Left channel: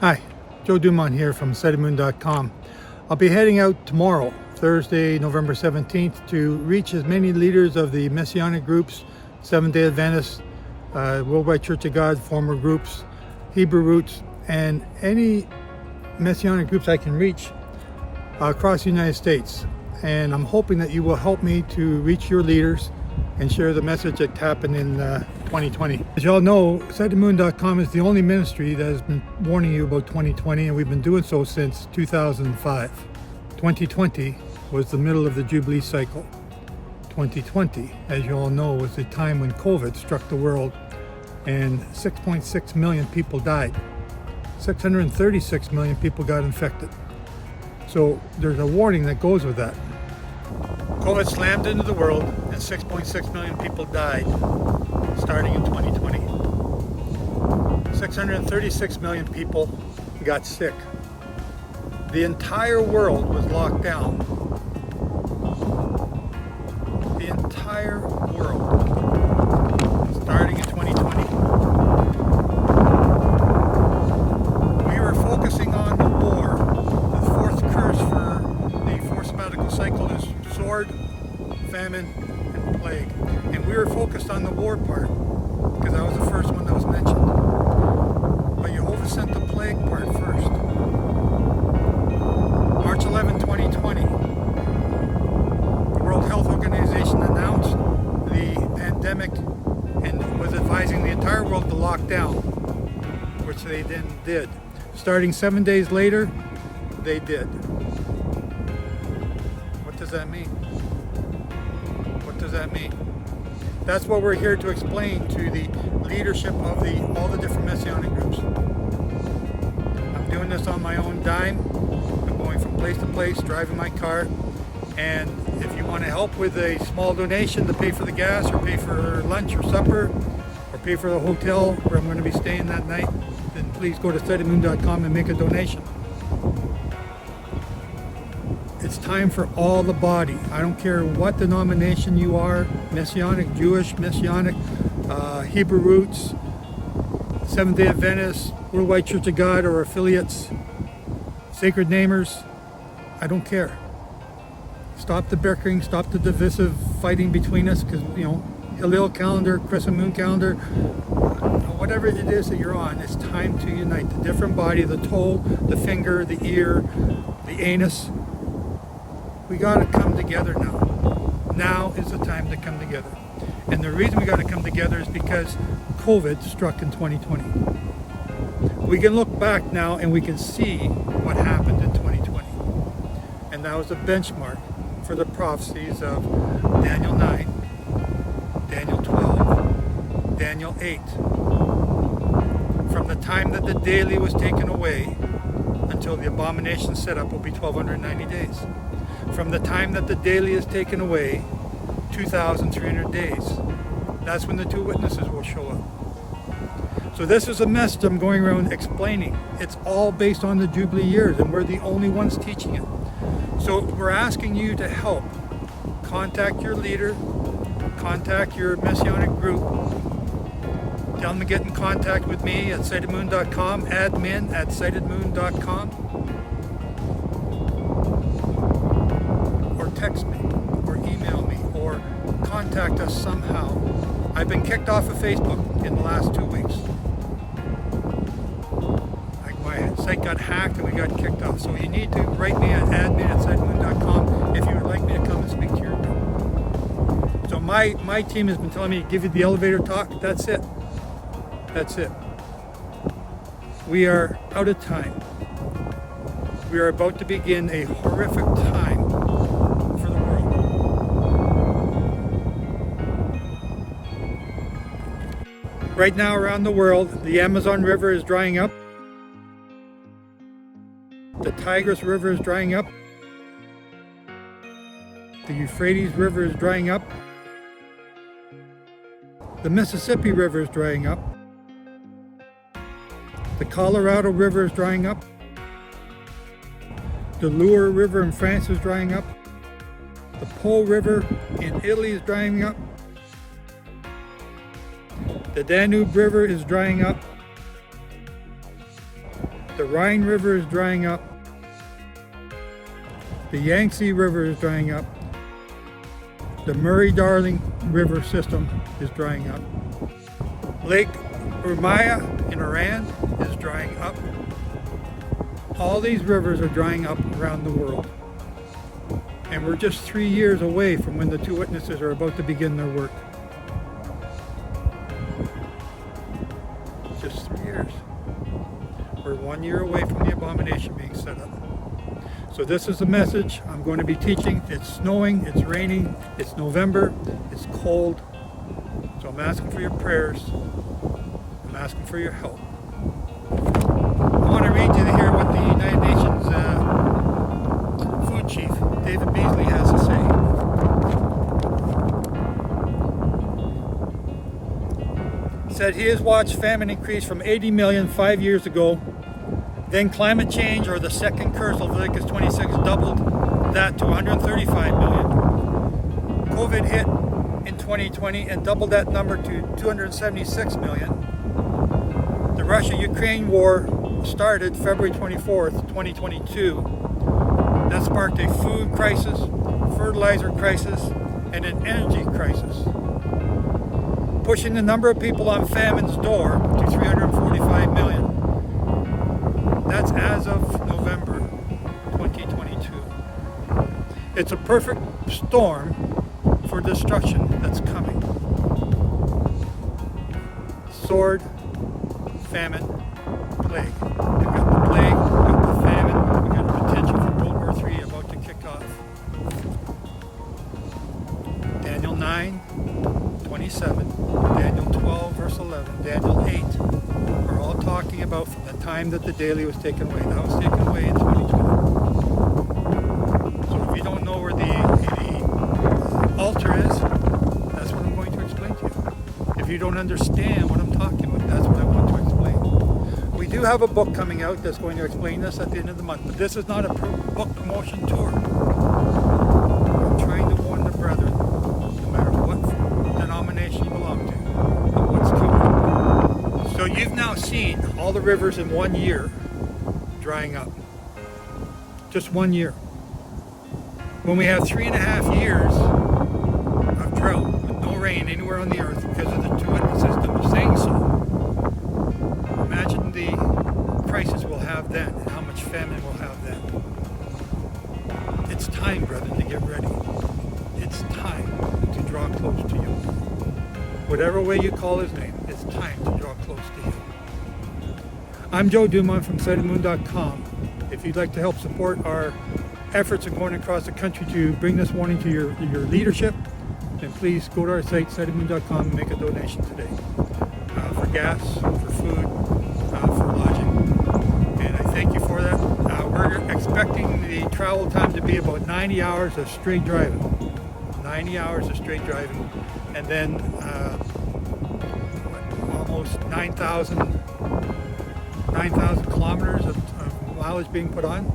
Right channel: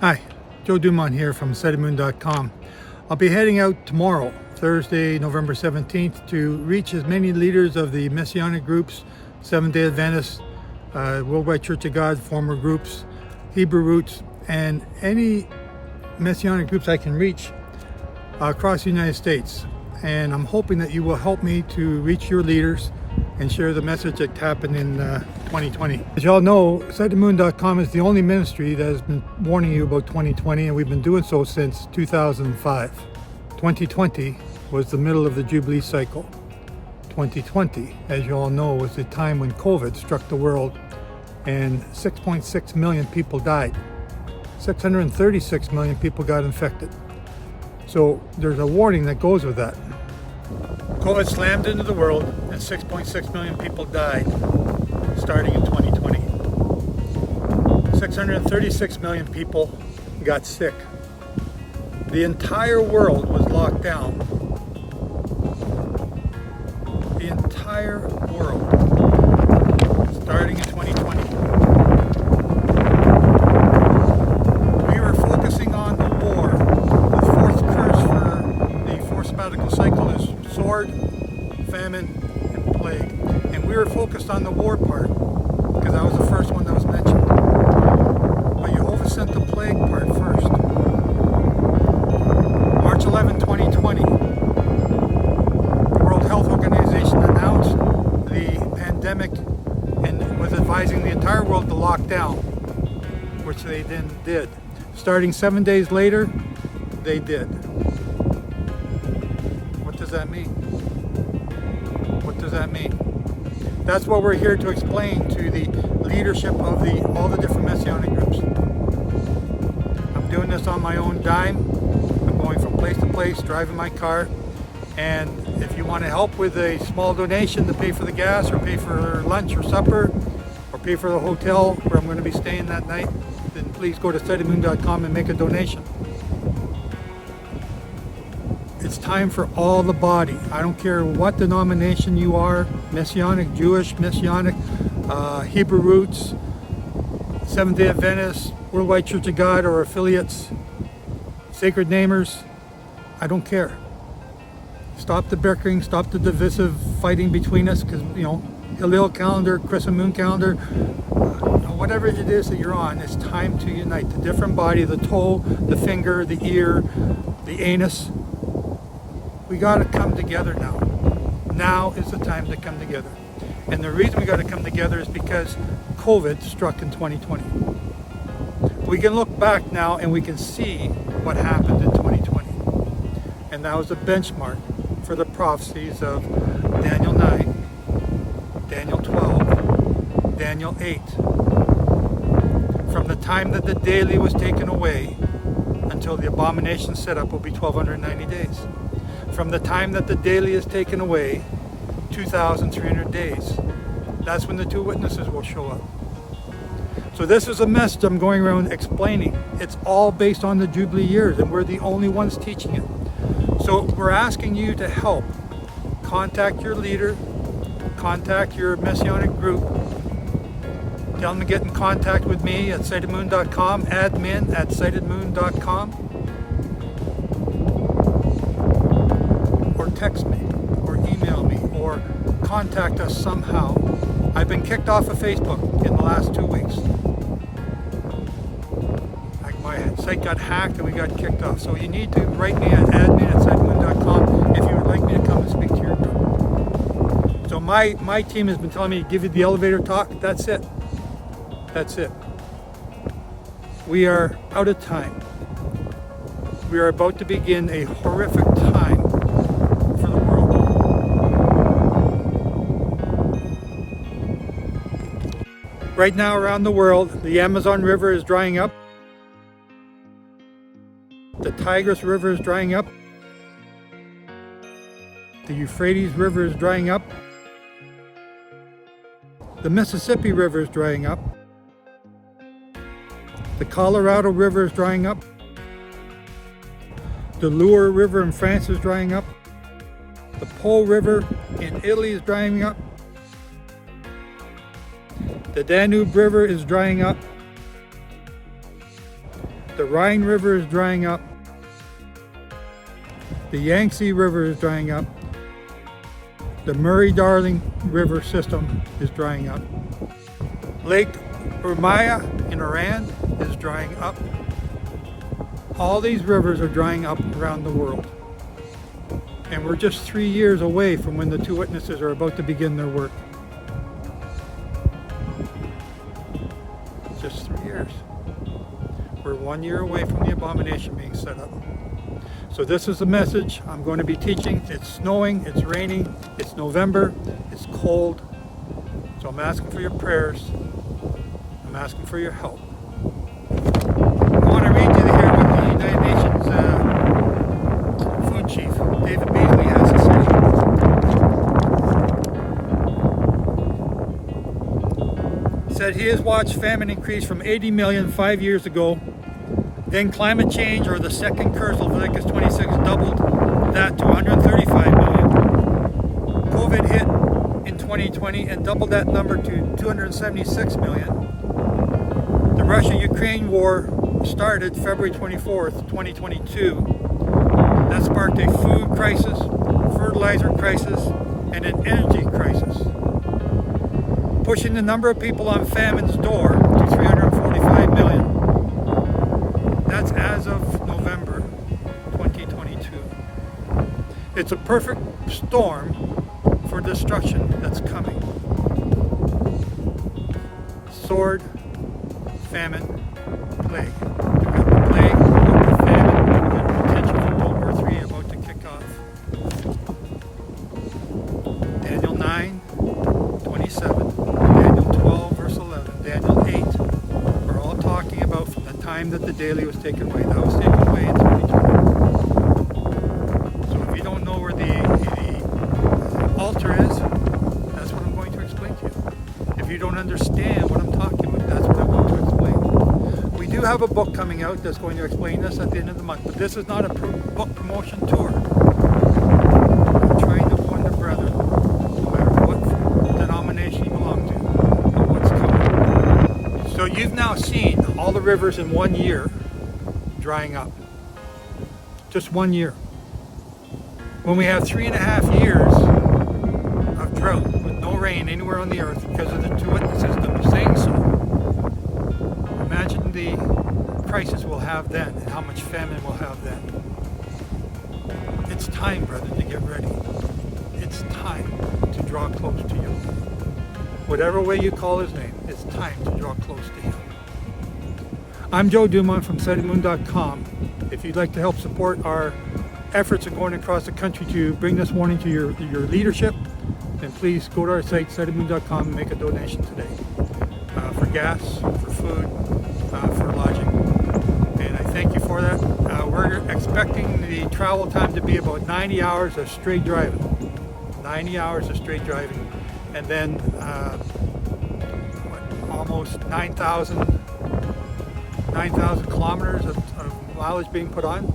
Hi, Joe Dumont here from assemblies.com. I'll be heading out tomorrow, Thursday, November 17th, to reach as many leaders of the Messianic groups, Seventh-day Adventists, Worldwide Church of God, former groups, Hebrew Roots, and any Messianic groups I can reach across the United States. And I'm hoping that you will help me to reach your leaders and share the message that happened in 2020. As you all know, assemblies.com is the only ministry that has been warning you about 2020, and we've been doing so since 2005. 2020 was the middle of the Jubilee cycle. 2020, as you all know, was the time when COVID struck the world and 6.6 million people died. 636 million people got infected. So there's a warning that goes with that. COVID slammed into the world and 6.6 million people died starting in 2020. 636 million people got sick. The entire world was locked down. The entire world, starting in 2020. We were focusing on the war. The fourth curse for the fourth sabbatical cycle is sword, famine, and plague. And we were focused on the war part because that was the first one that was mentioned. But Jehovah sent the plague part first. March 11, 2020, the World Health Organization announced the pandemic and was advising the entire world to lock down, which they then did. Starting 7 days later, they did. What does that mean? What does that mean? That's what we're here to explain to the leadership of all the different Messianic groups. I'm doing this on my own dime. I'm going from place to place, driving my car. And if you want to help with a small donation to pay for the gas or pay for lunch or supper or pay for the hotel where I'm going to be staying that night, then please go to assemblies.com and make a donation. It's time for all the body. I don't care what denomination you are, Messianic, Jewish, Messianic, Hebrew Roots, Seventh-day Adventists, Worldwide Church of God or affiliates, Sacred Namers, I don't care. Stop the bickering, stop the divisive fighting between us because, Hillel calendar, crescent moon calendar, whatever it is that you're on, it's time to unite. The different body, the toe, the finger, the ear, the anus. We got to come together now. Now is the time to come together. And the reason we got to come together is because COVID struck in 2020. We can look back now and we can see what happened in 2020. And that was a benchmark for the prophecies of Daniel 9, Daniel 12, Daniel 8. From the time that the daily was taken away until the abomination set up will be 1290 days. From the time that the daily is taken away, 2,300 days. That's when the two witnesses will show up. So this is a message I'm going around explaining. It's all based on the Jubilee years, and we're the only ones teaching it. So we're asking you to help. Contact your leader, contact your Messianic group, tell them to get in contact with me at sightedmoon.com, admin at sightedmoon.com, or text me, or email me, or contact us somehow. I've been kicked off of Facebook in the last 2 weeks. My site got hacked and we got kicked off. So you need to write me at admin@sightedmoon.com if you would like me to come and speak to your group. So my team has been telling me to give you the elevator talk. That's it. That's it. We are out of time. We are about to begin a horrific time for the world. Right now around the world, the Amazon River is drying up. The Tigris River is drying up. The Euphrates River is drying up. The Mississippi River is drying up. The Colorado River is drying up. The Loire River in France is drying up. The Po River in Italy is drying up. The Danube River is drying up. The Rhine River is drying up. The Yangtze River is drying up. The Murray-Darling River system is drying up. Lake Urmia in Iran is drying up. All these rivers are drying up around the world. And we're just 3 years away from when the two witnesses are about to begin their work. Just 3 years. We're 1 year away from the abomination being set up. So this is the message I'm going to be teaching. It's snowing, it's raining, it's November, it's cold. So I'm asking for your prayers. I'm asking for your help. I want to read you here what the United Nations food chief, David Beasley, has to say. Said he has watched famine increase from 80 million 5 years ago. Then climate change, or the second curse of Leviticus 26, doubled that to 135 million. COVID hit in 2020 and doubled that number to 276 million. The Russia-Ukraine war started February 24th, 2022. That sparked a food crisis, fertilizer crisis, and an energy crisis, pushing the number of people on famine's door to 345 million. That's as of November 2022. It's a perfect storm for destruction that's coming. Sword, famine, plague. We've got the plague, we've got the famine, we've got a potential for World War III about to kick off. Daniel 9:27, Daniel 12 verse 11, Daniel 8 are all talking about from the time that the daily was taken away. That was taken away in 2020. So if you don't know where the altar is, that's what I'm going to explain to you. If you don't understand what I'm talking about, that's what I want to explain. We do have a book coming out that's going to explain this at the end of the month, but this is not a book promotion tour. I'm trying to warn the brethren, no matter what denomination you belong to, of what's coming. So you've now seen all the rivers in 1 year drying up. Just 1 year. When we have 3.5 years of drought with no rain anywhere on the earth because of the two witness system saying so, imagine the crisis we'll have then and how much famine we'll have then. It's time, brethren, to get ready. It's time to draw close to you. Whatever way you call his name, it's time to draw close to him. I'm Joe Dumont from SettingMoon.com. If you'd like to help support our efforts in going across the country to bring this warning to your leadership, then please go to our site, SettingMoon.com, and make a donation today. For gas, for food, for lodging. And I thank you for that. We're expecting the travel time to be about 90 hours of straight driving. 90 hours of straight driving. And then almost 9,000 kilometers of mileage being put on.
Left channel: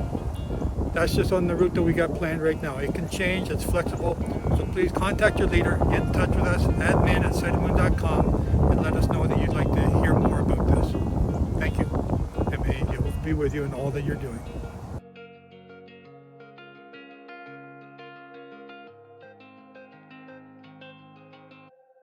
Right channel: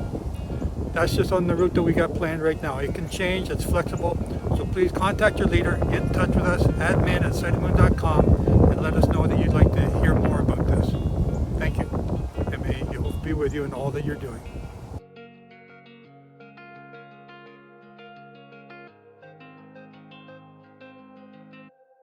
That's just on the route that we got planned right now. It can change, it's flexible. So please contact your leader, get in touch with us, admin@SettingMoon.com, and let us know that you'd like to hear more about this. Thank you, and may Jehovah be with you in all that you're doing.